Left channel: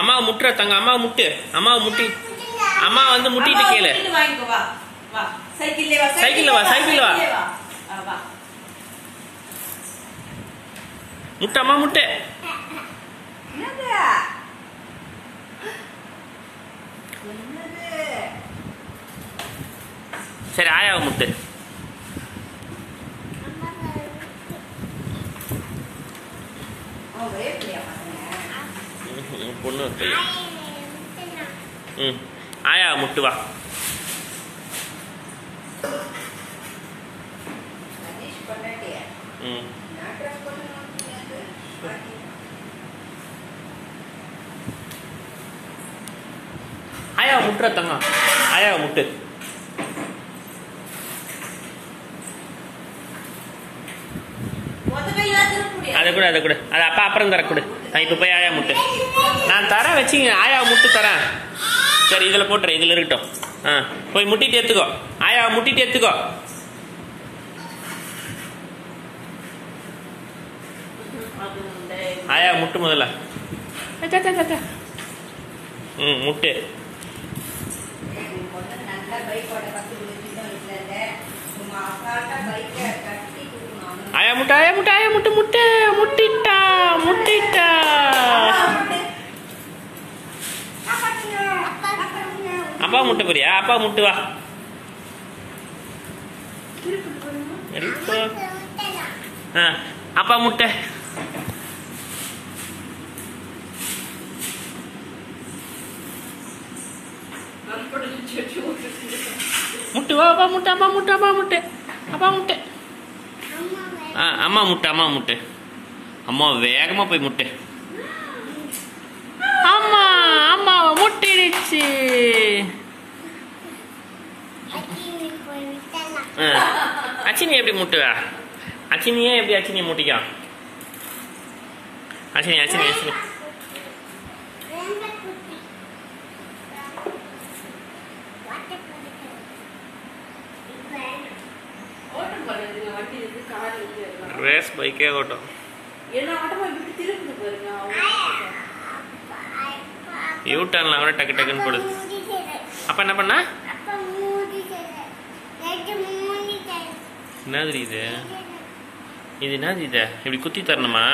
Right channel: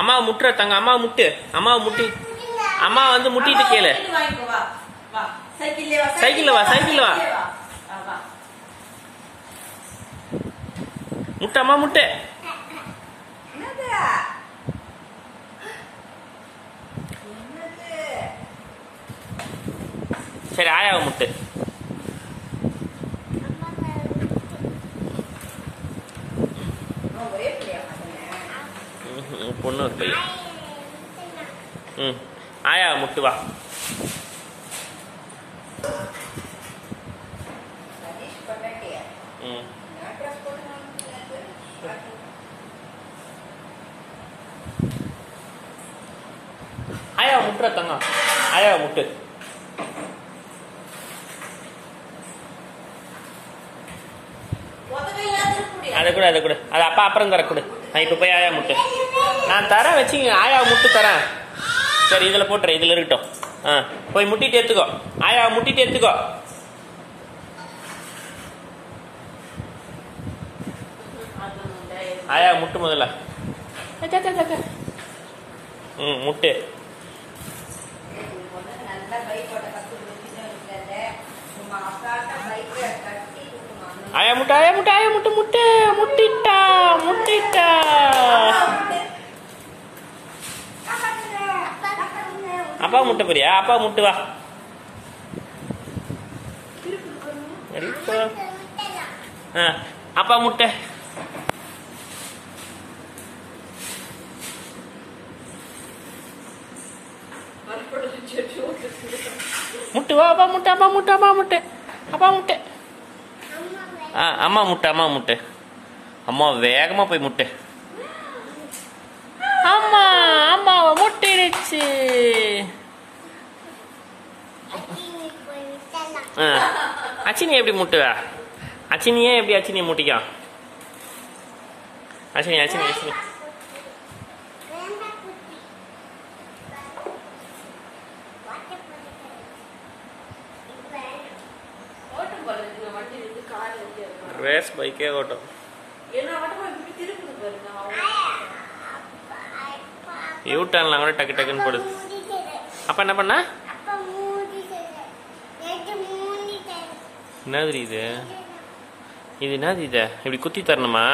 அம்மா முட்டுற தங்க, அம்மா முட்டு, அம்மா முட்டி, அம்மா வந்து முட்டிட்டு கேளு. சைக்கிள்ல வா, சைக்கிள்ல வா, முட்டு, அம்மா முட்டு. சரி ஆயாவை முட்டு. பொண்ணு பையன். ஆயா முட்டு வா. ஆயா முட்டுற தங்க, ஆயா முட்டு. அதை கூட, அதை கூட, அது அப்பா அப்புறம் தர கொடு. நான் இப்ப போய் ஆயா முட்டு நான் தரேன், வச்சுங்க. ஆயா முட்டு தரேன். சரி இதுல போட்டுறேன், இதுல இருக்கட்டும். போய் முட்டிட்டு எடுத்துக்கோ, ஆயா முட்டிட்டு எடுத்துக்கோ. ஆயா முட்டு முதல்ல. முட்டு. ஆயா முட்டை, ஆயா முட்டை, ஆயா முட்டை, முட்டை முட்டிட்டா, முட்டிட்டா. அப்பா முட்டை போறியா? அப்பா முட்டு வா. அப்பா முட்டை. முட்டு வா, அப்பா முட்டை, அப்பா முட்டை, அப்பா முட்டை, அப்பா முட்டை. அம்மா முட்டை, அம்மா முட்டை. அம்மா வேகமா போய் முட்டை. அம்மா அம்மாவை முட்டிடுச்சு. அச்சினி எப்படி முட்டுவா? அச்சினியே எப்படி அச்சினியை முட்டிக்கா? அச்சினி, அச்சினி, அச்சினி. ரேஸ் பைக்கே ஓட்டும். யூட்டர்ன்லாம் கூட டக்கு டக்குன்னு போடுது. அப்ப என்ன பண்ணா? என்னது இது? இது என்னது? இது இப்படி குத்தி தரணுமா?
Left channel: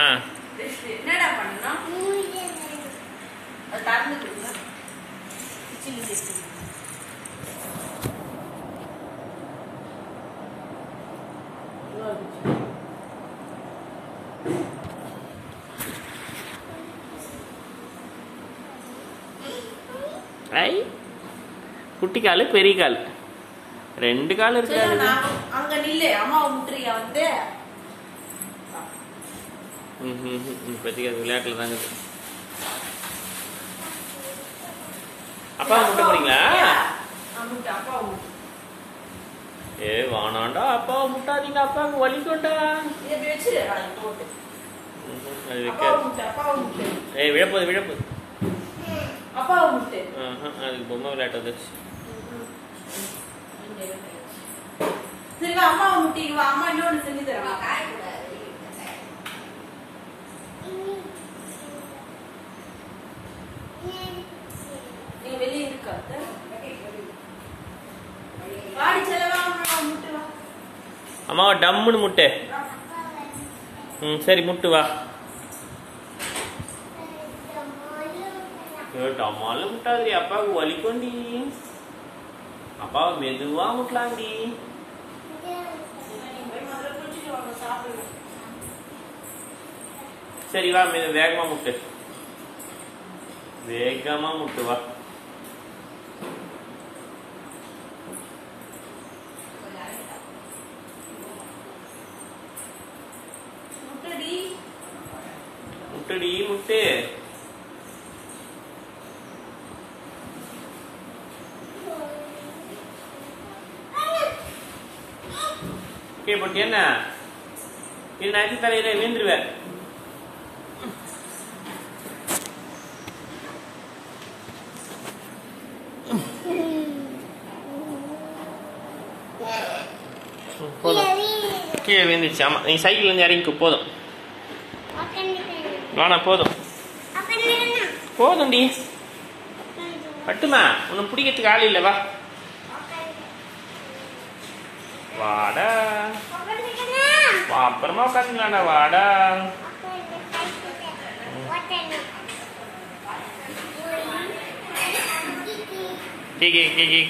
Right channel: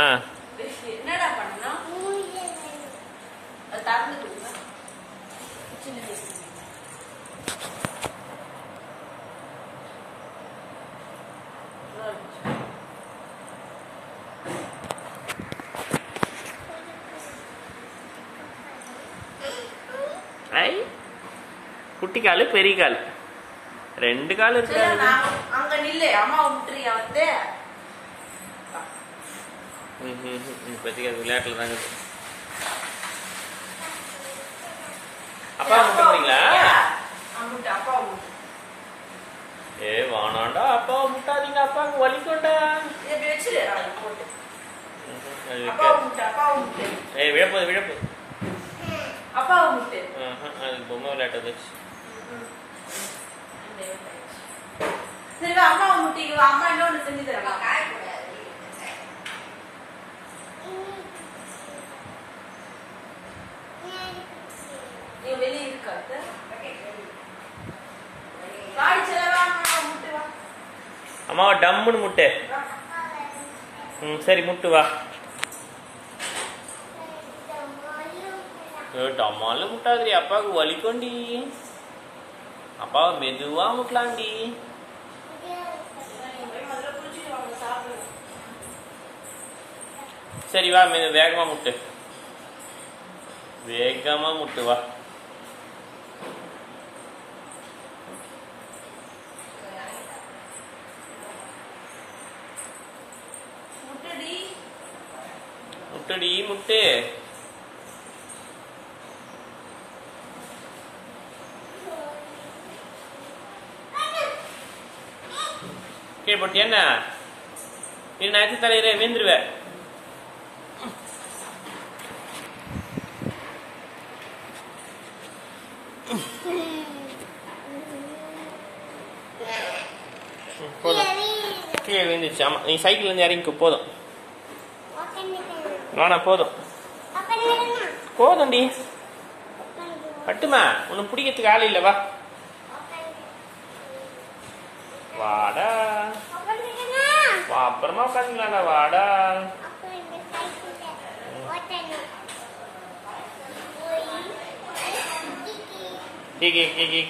ஐ குட்டி காலு, பெரிய கால், ரெண்டு கால் இருக்காது. அங்க நில்லு, அம்மா முட்றியா வந்து. இப்போதைக்கு அது விளையாட்டுல தாங்க. அப்பா முட்டை போறீங்களா? ஏ வானாண்டா, அப்பா முட்டாதீங்க, அப்பாவுக்கு வலிக்கொண்டா. ஏ விழப்போது, விழப்போது. அப்பாவை முட்டு. அதுக்கு பொம்மை விளையாட்டு வந்துச்சு. சரி அம்மாவை முட்டிக்குவா. அம்மா இன்னொன்னு செஞ்சு தரவா? நீங்க வெளியே இருக்காது. காடி செலவா முட்டுவா. அம்மாவை டம்முன்னு முட்டு. சரி முட்டு வா. டம்மாலும் முட்டாதுரி, அப்பாவுக்கு வலிக்கொண்டி. அப்பாவை மெதுவா முட்டலாண்டி. சரி வா, வேகமா முட்டு, வேகமா முட்டு வா. முட்டுடி, முட்டு. கேப்பட்டி என்ன நேற்று தலையில வேந்துருவேன். போதும், கீழே வேந்துச்சு. ஆமா, நீ சைக்கிள் இருந்து இறங்கிக்கோ. போதும். வேணாம் போதும் போதும்டி. பட்டுமா உன்னை பிடிக்கிறதுக்கு ஆள் இல்லை. வா வாடா வா, அப்புறமா உட்காந்துக்கலாம்டா. வாடா கே கே கே கே